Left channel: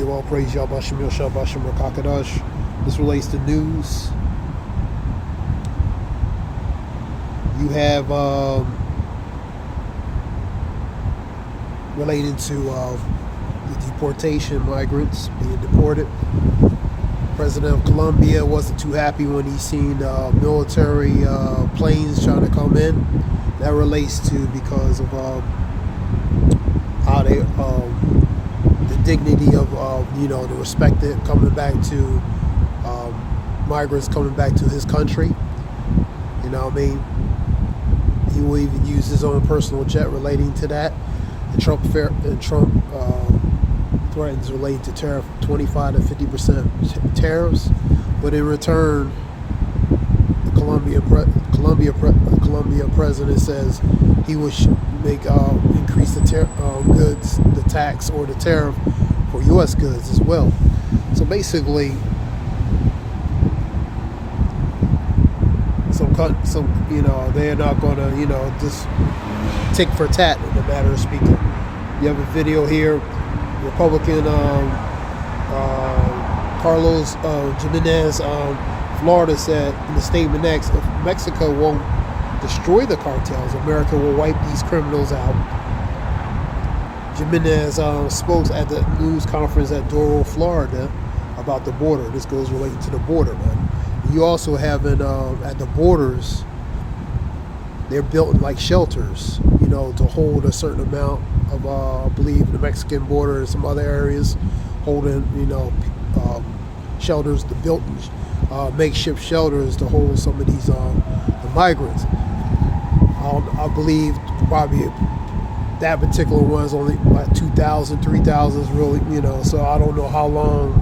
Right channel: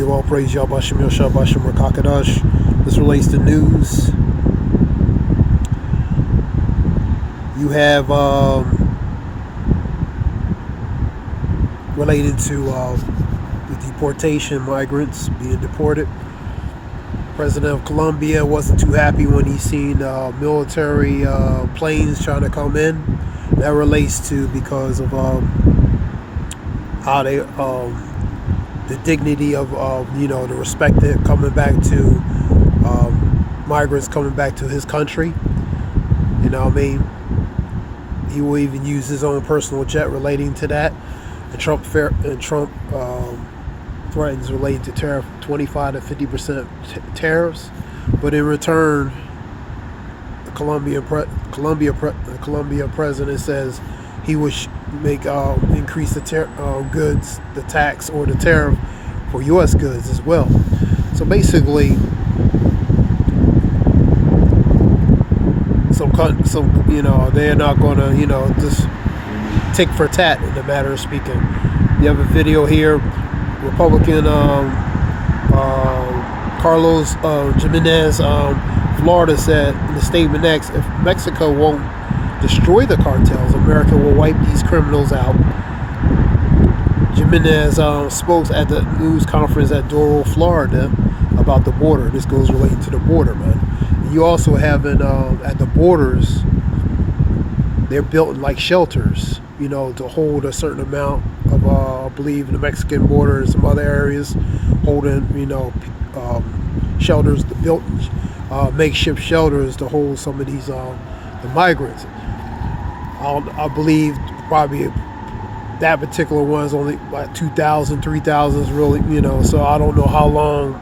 give all praise Yahbashim Yosha Bashim Rakakadash. This relates to news. You have related to the deportation, migrants being deported. President of Colombia wasn't too happy when he seen military planes trying to come in. That relates to because of how they the dignity of the respect that coming back to migrants coming back to his country. You know what I mean? He will even use his own personal jet relating to that. And Trump threatens relating to tariff 25 to 50% tariffs, but in return, the Colombia president says he would make increase the goods, the tax or the tariff for U.S. goods as well. So basically, they're not going to just tick for tat in the matter of speaking. You have a video here. Republican Carlos Jimenez, Florida, said in the statement next, if Mexico won't destroy the cartels, America will wipe these criminals out. Jimenez spoke at the news conference at Doral, Florida, about the border. This goes relating to the border, man. You also have at the borders, they're built like shelters, to hold a certain amount of, I believe, the Mexican border and some other areas, holding, shelters, built makeshift shelters to hold some of these the migrants. I believe probably that particular one is only like 2,000, 3,000 is really, so I don't know how long,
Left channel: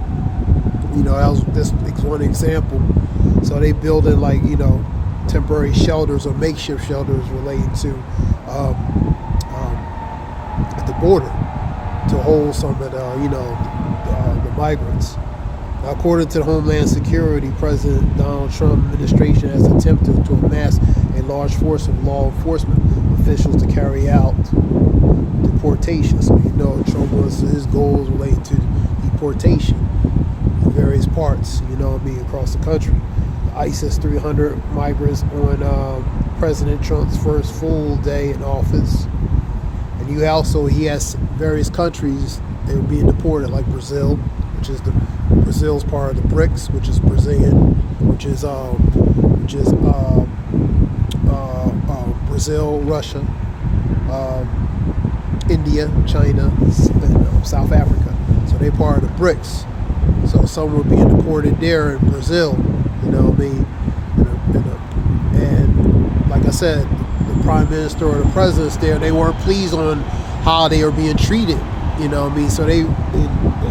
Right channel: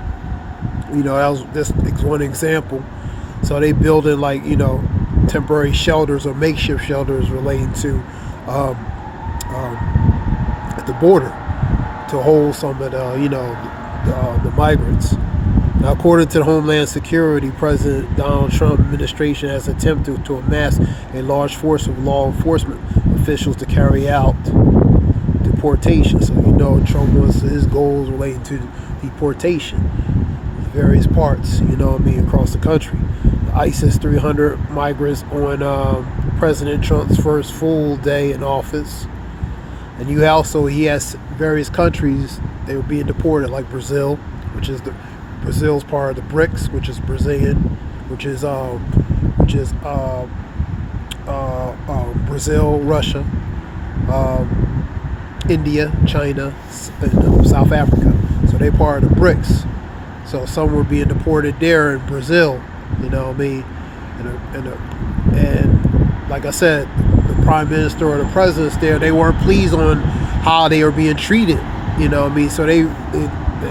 that was this one example. So they building like, temporary shelters or makeshift shelters relating to the border to hold some of the migrants. Now, according to the Homeland Security, President Donald Trump administration has attempted to amass a large force of law enforcement officials to carry out deportation. So Trump wants his goals relating to deportation in various parts, across the country. ISIS 300 migrants on President Trump's first full day in office. And he has various countries they were being deported, like Brazil, Brazil's part of the BRICS, which is Brazilian, Brazil, Russia, India, China, and South Africa. So they part of the BRICS. So some were being deported there in Brazil. And like I said, the prime minister or the presidents there, they weren't pleased on how they were being treated. So a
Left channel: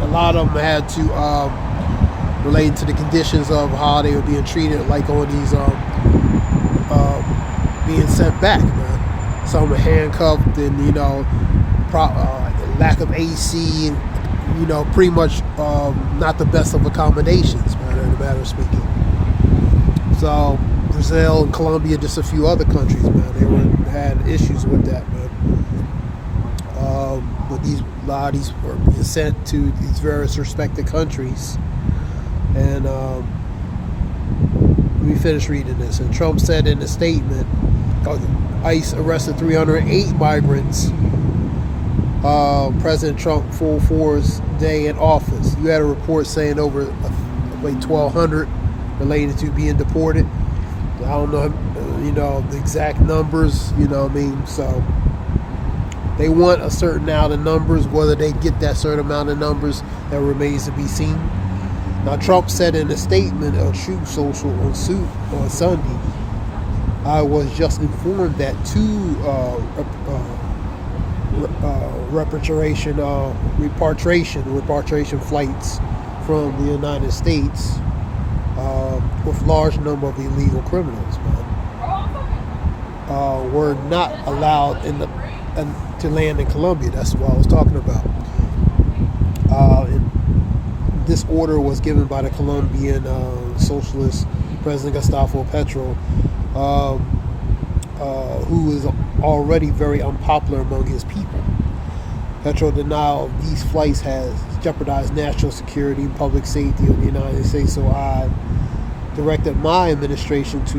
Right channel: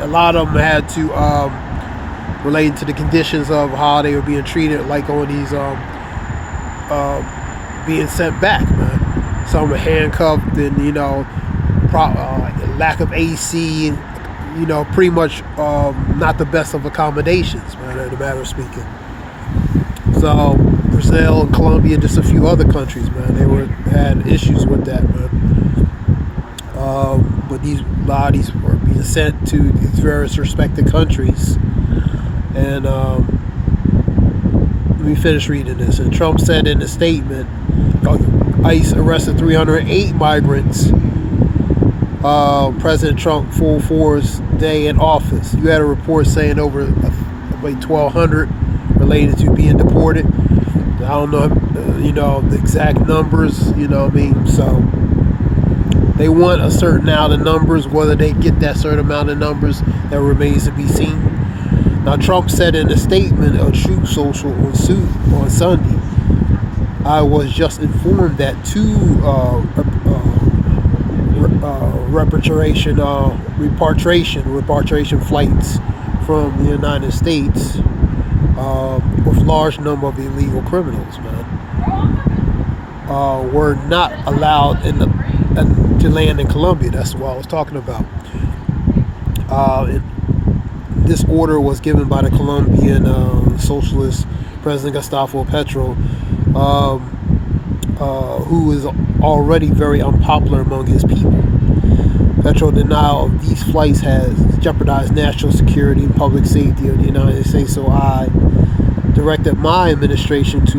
lot of them had to relate to the conditions of how they were being treated, like on these being sent back, man. Some were handcuffed and lack of AC, and pretty much not the best of accommodations, man, in the matter of speaking. So Brazil and Colombia, just a few other countries, man, they had issues with that, man. But a lot of these were being sent to these various respected countries. And let me finish reading this. And Trump said in a statement, ICE arrested 308 migrants. President Trump full force day in office. You had a report saying over 1,200 related to being deported. I don't know, the exact numbers, So they want a certain amount of numbers. Whether they get that certain amount of numbers, that remains to be seen. Now, Trump said in a statement of Truth Social on Sunday, I was just informed that two repatriation flights from the United States with large number of illegal criminals, man, were not allowed to land in Colombia. That's what I was talking about. This order was given by the Colombian socialist President Gustavo Petro, who is already very unpopular among his people. Petro denial of these flights has jeopardized national security and public safety of the United States, so I directed my administration to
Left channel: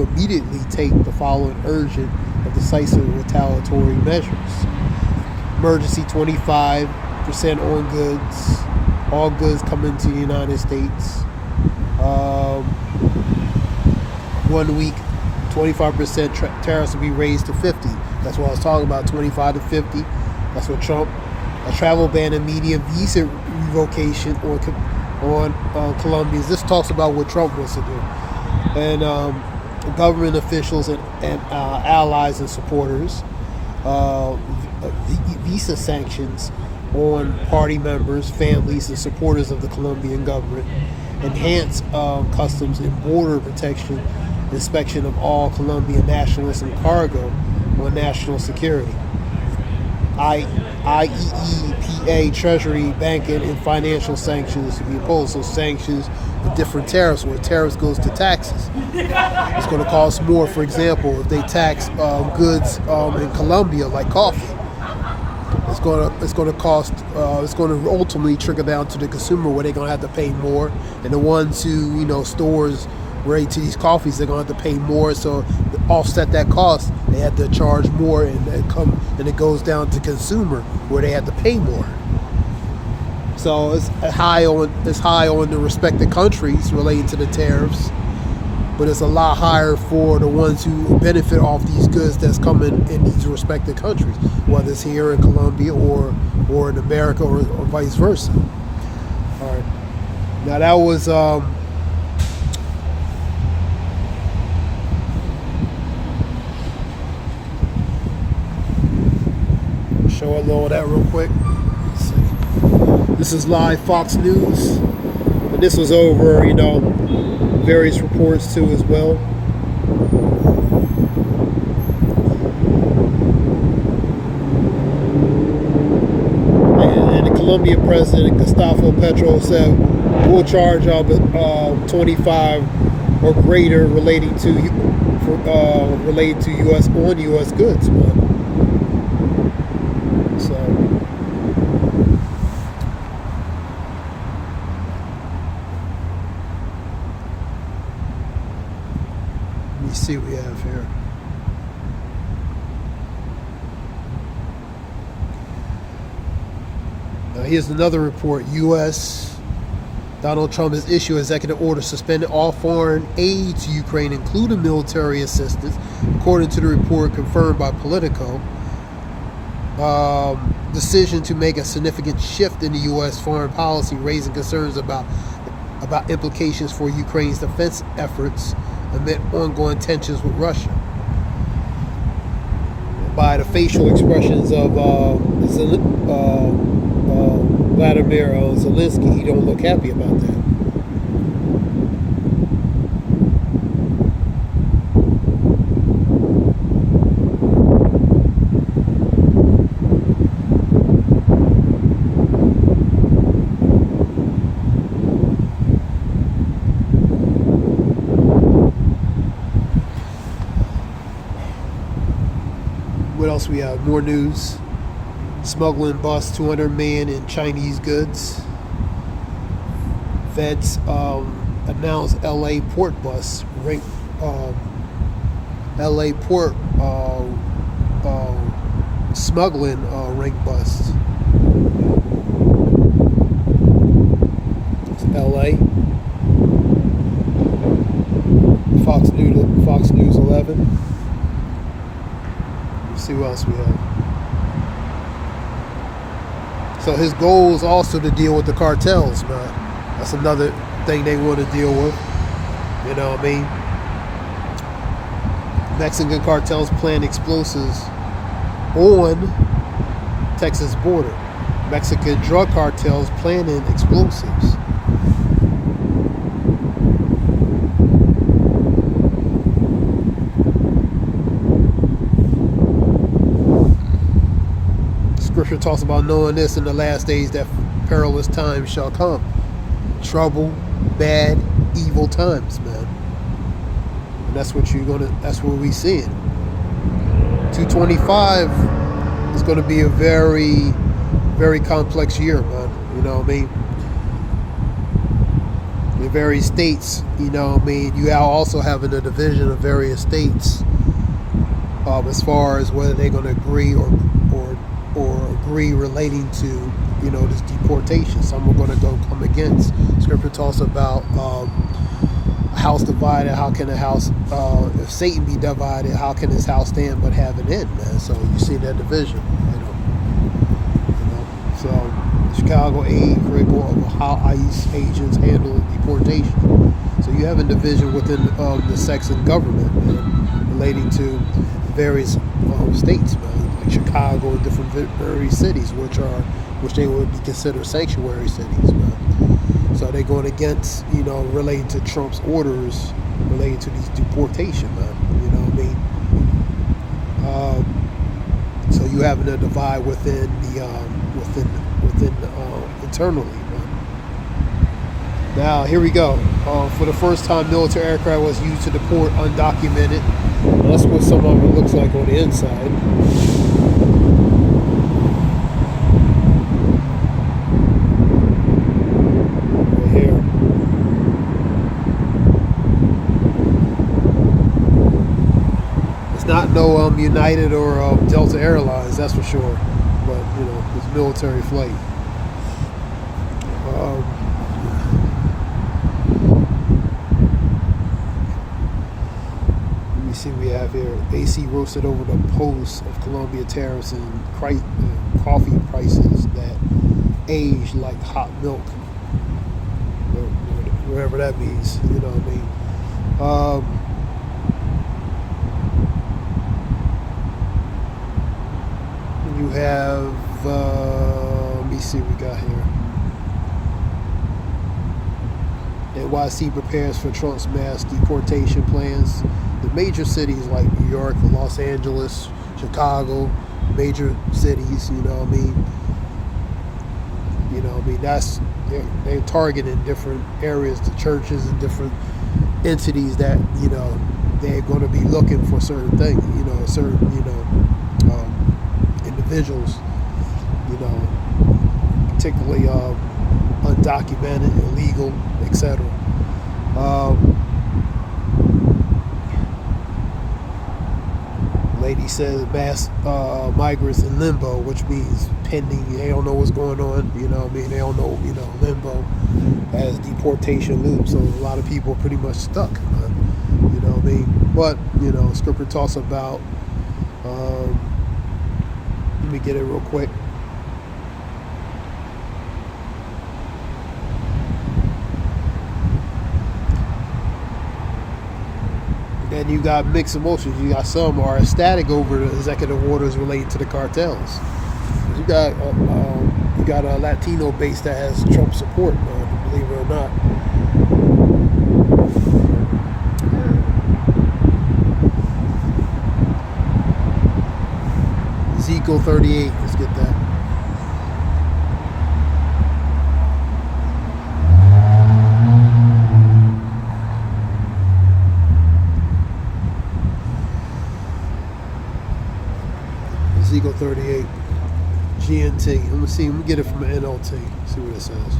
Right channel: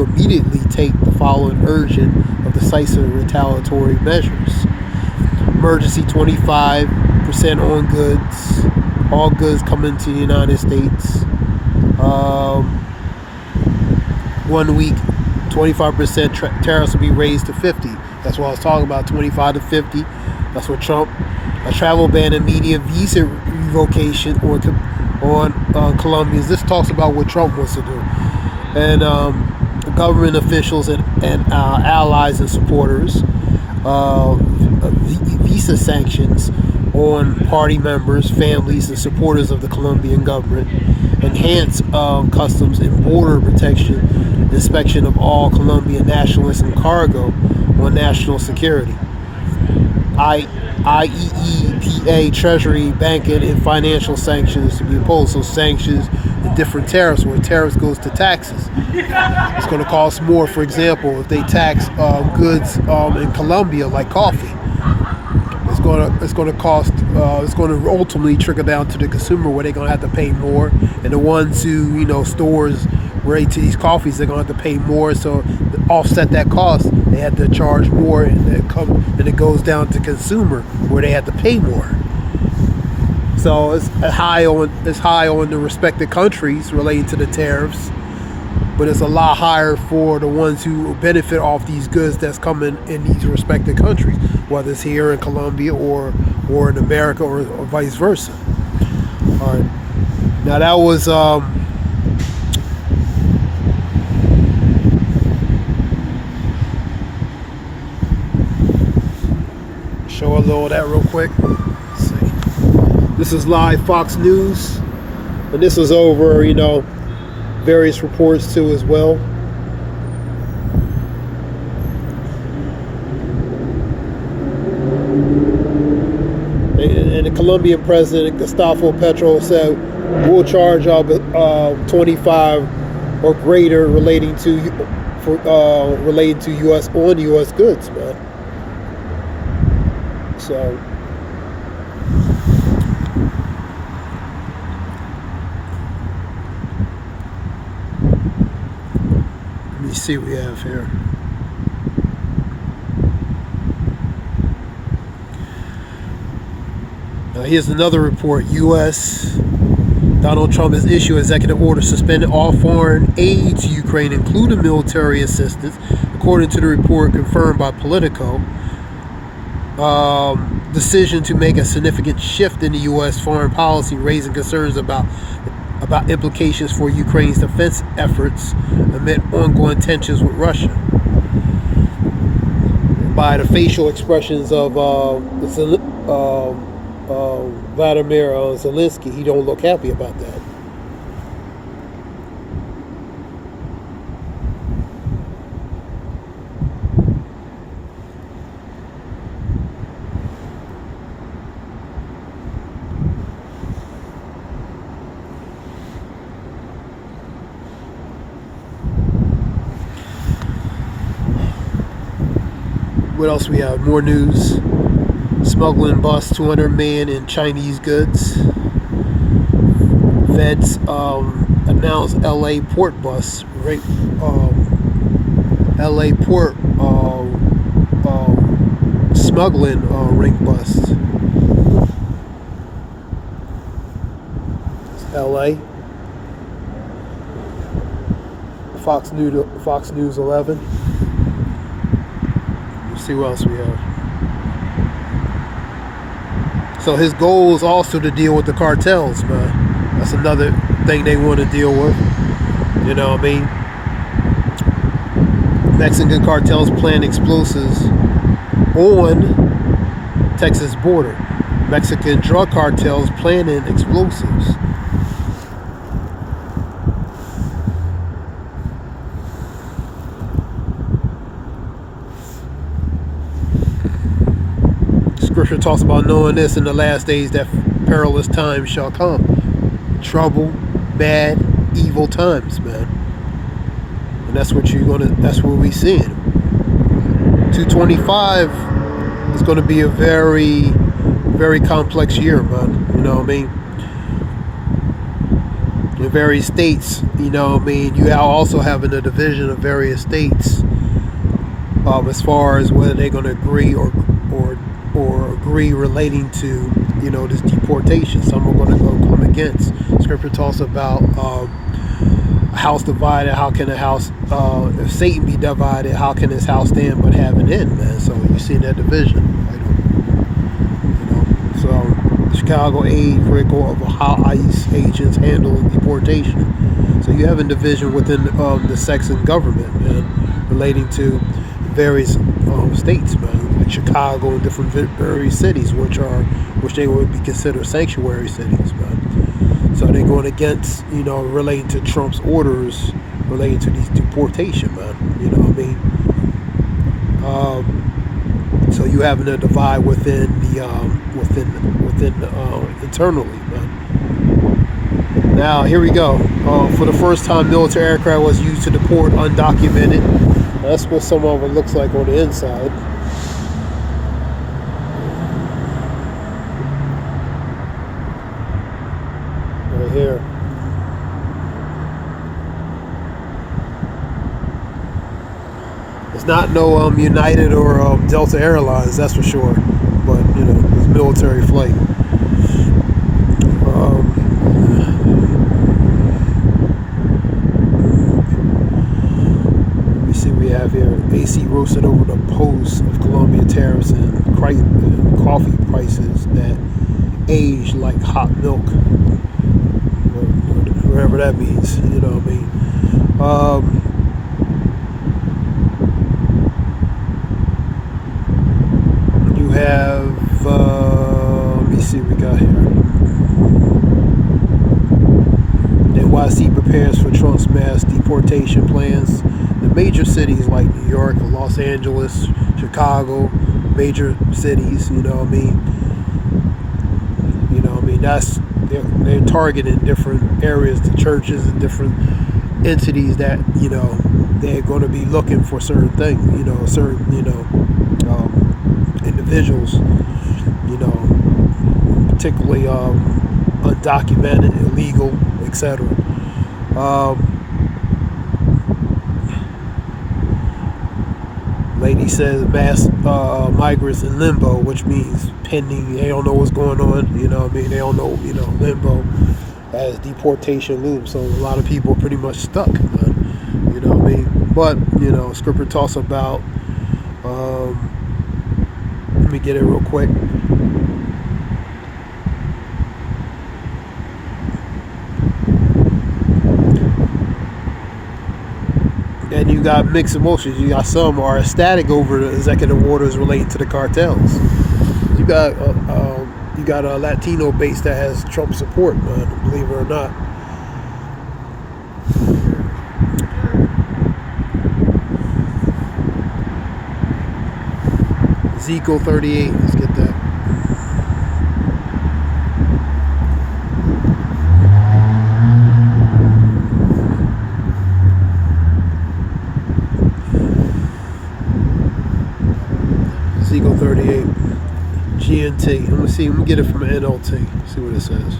immediately take the following urgent of decisive retaliatory measures. Emergency 25% on goods, all goods coming to the United States. 1 week, 25% tariffs will be raised to 50. That's what I was talking about, 25 to 50. That's what Trump. A travel ban and media visa revocation on Colombians. This talks about what Trump wants to do. And government officials and allies and supporters. Visa sanctions on party members, families, and supporters of the Colombian government. Enhance customs and border protection, inspection of all Colombian nationalists and cargo on national security. IEEPA, Treasury, banking, and financial sanctions to be imposed. So sanctions and different tariffs, where tariffs goes to taxes. It's going to cost more. For example, if they tax goods in Colombia, like coffee, it's going to ultimately trickle down to the consumer, where they're going to have to pay more, and the ones who stores relate to these coffees, they're going to have to pay more. So to offset that cost, they have to charge more, and it goes down to consumer, where they have to pay more. So it's high on the respective countries relating to the tariffs, but it's a lot higher for the ones who benefit off these goods that's coming in these respective countries, whether it's here in Colombia or in America or vice versa. All right. Now that was show a little of that real quick. Let's see. This is live Fox News, and this was over, various reports too as well. And the Colombian president Gustavo Petro said, "We'll charge 25 or greater relating to U.S. on U.S. goods, man." So. Let me see what we have here. Now here's another report. U.S. Donald Trump has issued executive order suspending all foreign aid to Ukraine, including military assistance, according to the report confirmed by Politico. Decision to make a significant shift in the U.S. foreign policy, raising concerns about implications for Ukraine's defense efforts amid ongoing tensions with Russia. By the facial expressions of Vladimir Zelensky, he don't look happy about that. What else we have? More news. Smuggling bust 200 million in Chinese goods. Feds announced LA port bust. LA port smuggling ring bust. It's LA. Fox News 11. See what else we have. So his goal is also to deal with the cartels, man. That's another thing they want to deal with. You know what I mean? Mexican cartels plan explosives on Texas border. Mexican drug cartels planning explosives. Scripture talks about knowing this in the last days that perilous times shall come. Trouble, bad, evil times, man. And that's what we seeing. 225 It's going to be a very, very complex year, man. You know what I mean? In various states, you know what I mean? You are also having a division of various states as far as whether they're going to agree or agree relating to, you know, this deportation. Some are going to come against. Scripture talks about a house divided. How can a house, if Satan be divided, how can his house stand but have an end, man? So you see that division. So Chicago aid critical of how ICE agents handle deportation. So you have a division within the Saxon government, man, relating to various states, man, like Chicago and different various cities, which they would be considered sanctuary cities, man. So they're going against, you know, relating to Trump's orders relating to these deportation, man. You know what I mean? So you having a divide within the internally, man. Now here we go. For the first time, military aircraft was used to deport undocumented. That's what some of it looks like on the inside. Right here. It's not no United or Delta Airlines, that's for sure. But you know, it's military flight. Let me see what we have here. AC roasted over the post of Colombia tariffs and coffee prices that age like hot milk, whatever that means. You know what I mean? You have, let me see what we got here. NYC prepares for Trump's mass deportation plans. The major cities like New York, Los Angeles, Chicago, major cities, you know what I mean? You know what I mean? That's, they're targeting different areas, the churches and different entities that, you know, they're going to be looking for certain things, you know, certain, you know, individuals, you know, particularly undocumented, illegal, etc. Lady says mass migrants in limbo, which means pending. They don't know what's going on. You know what I mean? They don't know, you know, limbo as deportation looms. So a lot of people are pretty much stuck. You know what I mean? But, you know, scripture talks about, let me get it real quick. And you got mixed emotions. You got some are ecstatic over the executive orders relating to the cartels. You got a Latino base that has Trump support, believe it or not. Ezekiel 38. Let's get that. Ezekiel 38, GNT. Let me see. Let me get it from an NLT. See what it says.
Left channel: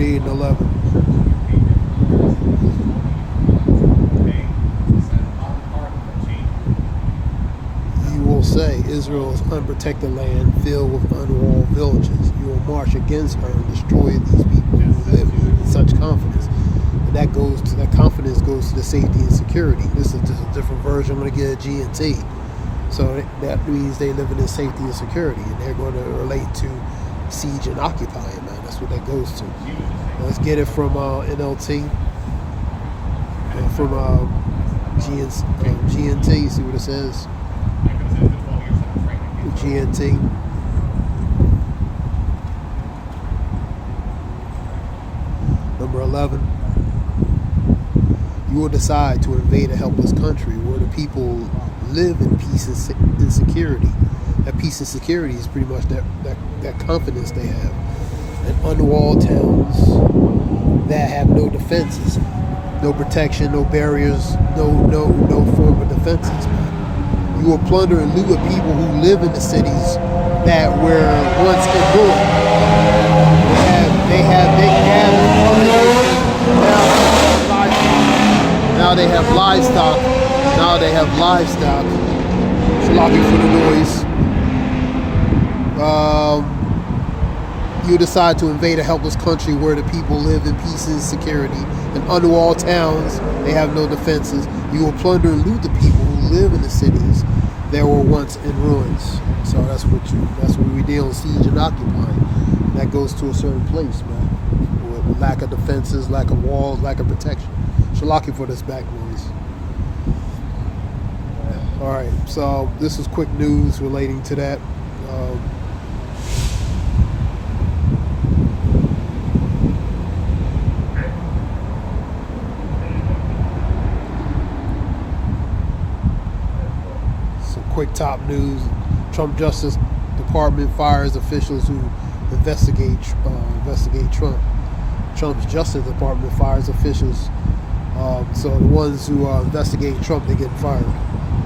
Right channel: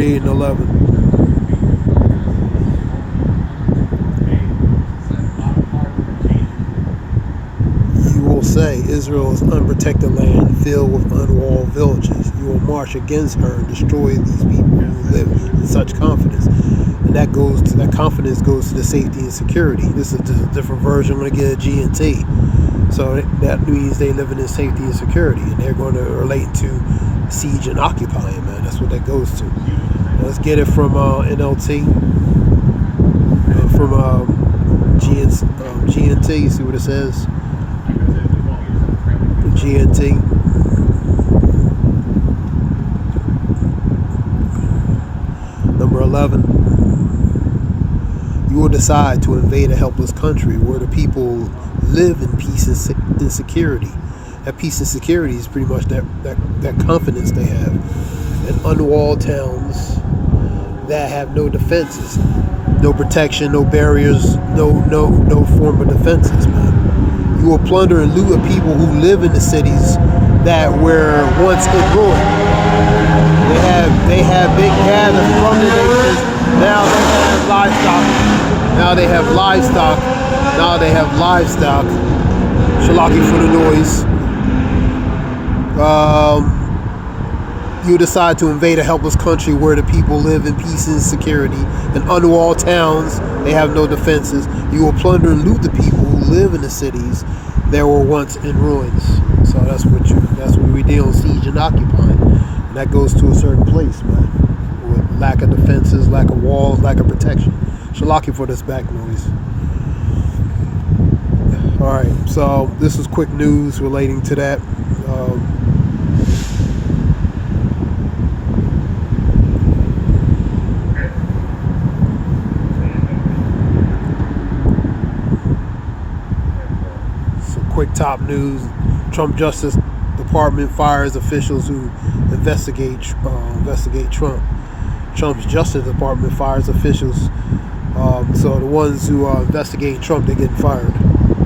And 11. You will say, Israel is unprotected land filled with unwalled villages. You will march against her and destroy these people who live in such confidence. And that confidence goes to the safety and security. This is just a different version. I'm going to get a GNT. So that means they live in safety and security, and they're going to relate to siege and occupying, man. That's what that goes to. Let's get it from NLT, from GNT. See what it says. GNT. Number 11. You will decide to invade a helpless country where the people live in peace and security. That peace and security is pretty much that confidence they have. And unwalled towns, that have no defenses, no protection, no barriers, no form of defenses, man. You will plunder and loot of people who live in the cities that were once in ruin. They have livestock. Now they have livestock. Shalaki for the noise. You decide to invade a helpless country where the people live in peace and security. In unwalled towns, they have no defenses. You will plunder and loot the people who live in the cities that were once in ruins. So that's what we deal with, siege and occupying. That goes to a certain place, man. With lack of defenses, lack of walls, lack of protection. Shalaki for this back noise. Alright, so this is quick news relating to that. Quick top news: Trump Justice Department fires officials who investigate Trump. Trump's Justice Department fires officials. So the ones who are investigating Trump, they're getting fired.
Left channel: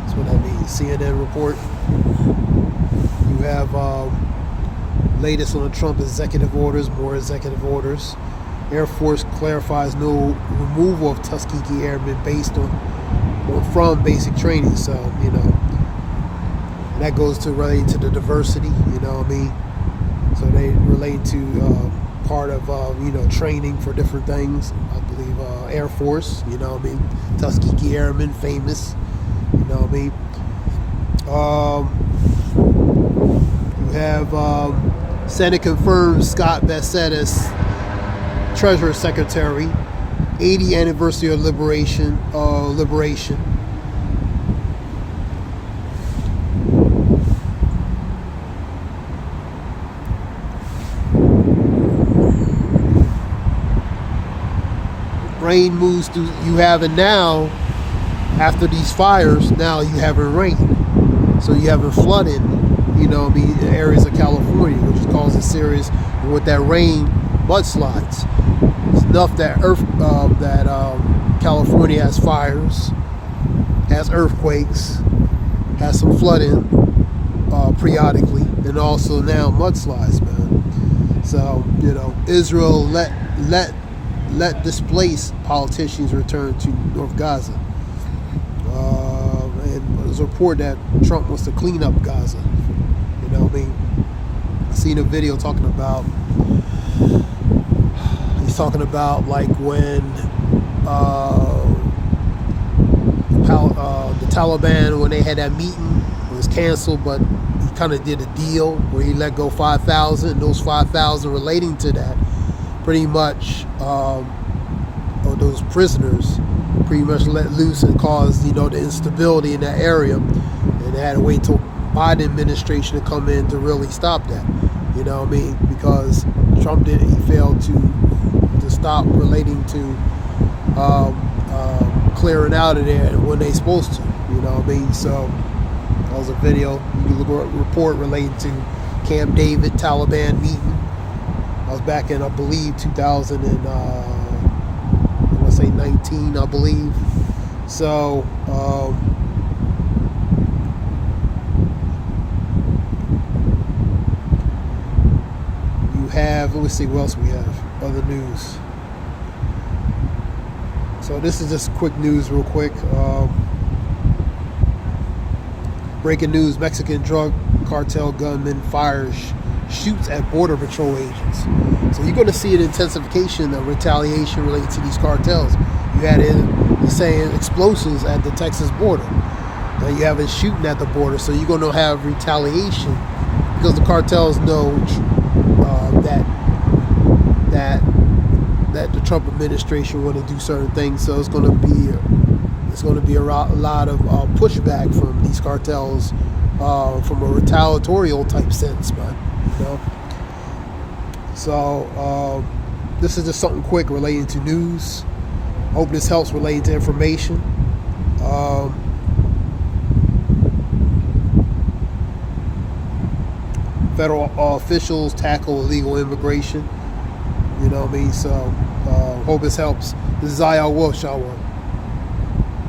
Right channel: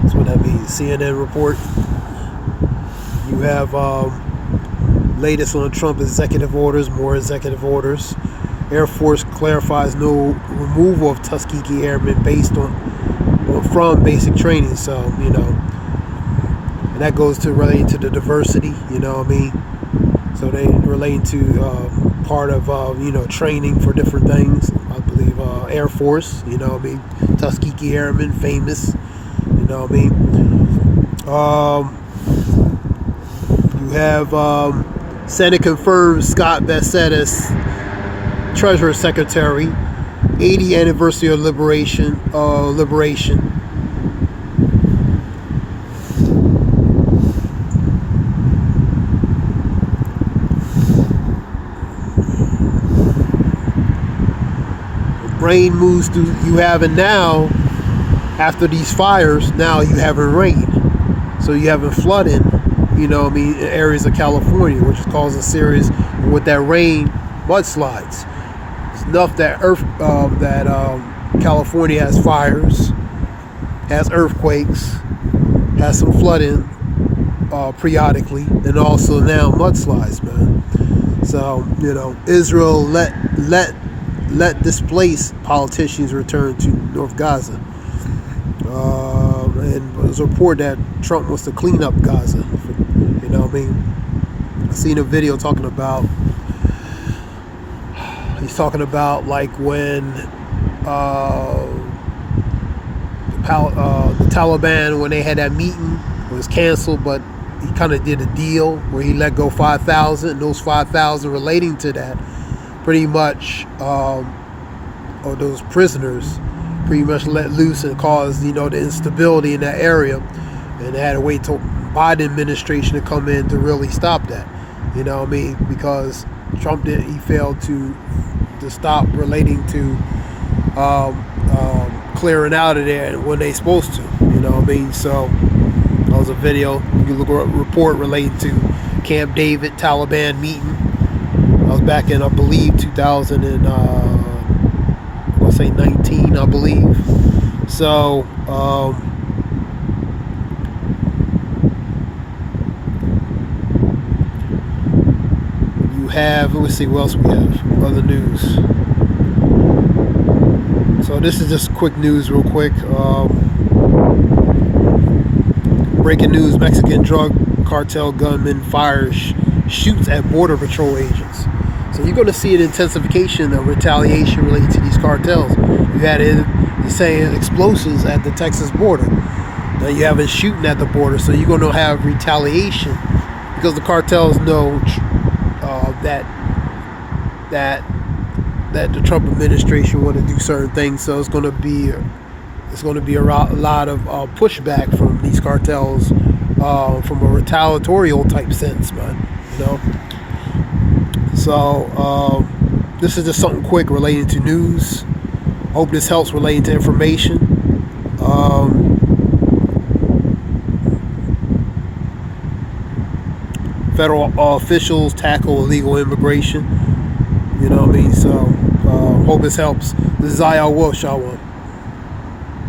That's what that means. CNN report. You have latest on Trump executive orders, more executive orders. Air Force clarifies no removal of Tuskegee Airmen based on or from basic training. So, you know. And that goes to relating to the diversity, you know what I mean? So they relate to part of, training for different things. I believe Air Force, you know what I mean? Tuskegee Airmen, famous, you know what I mean? You have Senate confirms Scott Bassett as Treasury Secretary, 80th anniversary of liberation. Rain moves through, you having now, after these fires, now you having rain. So you having flooding, you know what I mean, in areas of California, which is causing serious, with that rain, mudslides. It's enough that California has fires, has earthquakes, has some flooding periodically, and also now mudslides, man. So, you know, Israel let displaced politicians return to North Gaza. And there's a report that Trump wants to clean up Gaza. You know what I mean? I seen a video talking about, he's talking about like when the Taliban, when they had that meeting, it was canceled, but he kind of did a deal where he let go 5,000, and those 5,000 relating to that pretty much, or those prisoners pretty much let loose and caused, you know, the instability in that area, and they had to wait till Biden administration to come in to really stop that, you know what I mean, because Trump he failed to stop relating to clearing out of there when they supposed to, you know what I mean. So that was a video, you can look at a report relating to Camp David Taliban meeting. I was back in, I believe, 2019, I believe. So, you have, let me see what else we have, other news. So this is just quick news real quick. Breaking news: Mexican drug cartel gunman shoots at Border Patrol agents. So you're going to see an intensification of retaliation related to these cartels. You had the same explosives at the Texas border. Now you have it shooting at the border, so you're going to have retaliation because the cartels know that the Trump administration want to do certain things. So it's going to be a lot of pushback from these cartels from a retaliatorial type sense, man. You know. So this is just something quick relating to news. Hope this helps relating to information. Federal officials tackle illegal immigration. You know what I mean? So Hope this helps. This is Ayal Wolf, Shawan.